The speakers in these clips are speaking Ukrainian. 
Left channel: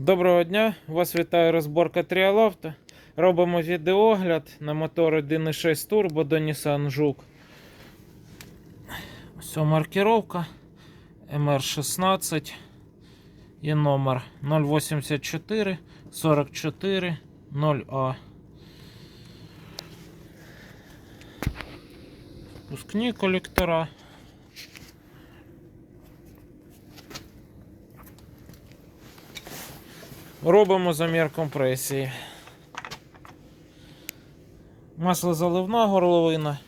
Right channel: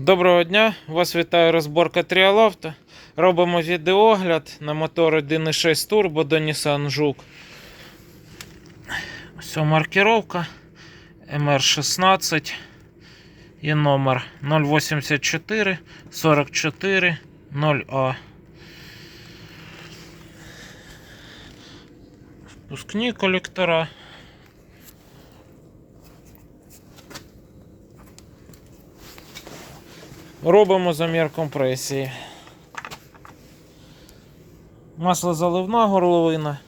Доброго дня! Вас вітає розборка Тріалавто. Робимо відеогляд на мотор 1.6 Turbo до Nissan Juke. Ось маркировка MR16 і номер 084 44 0А. Впускні колектора. Робимо замір компресії. Масло заливна горловина.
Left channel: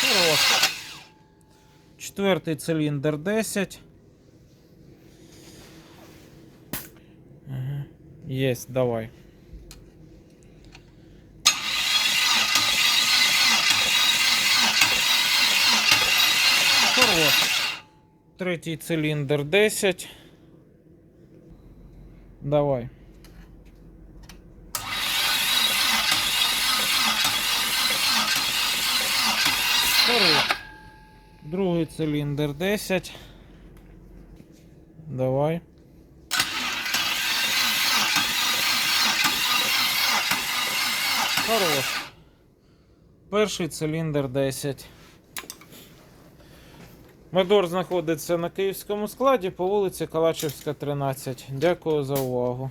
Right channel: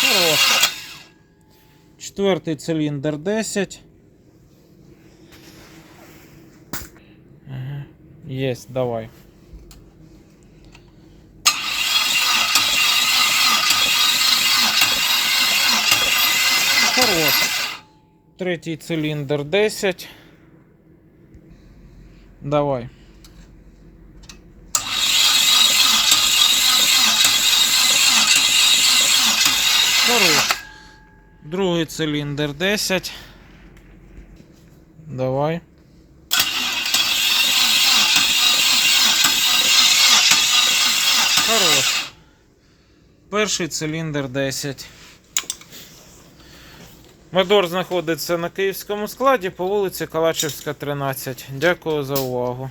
Хорош. Четвертий циліндр 10. Есть, давай. Хорош. Третій циліндр 10. Давай. Хорош. Другий циліндр 10. Давай. Хорош. Перший циліндр 10. Мотор знаходиться на київському складі по вулиці Калачевська, 13. Дякую за увагу.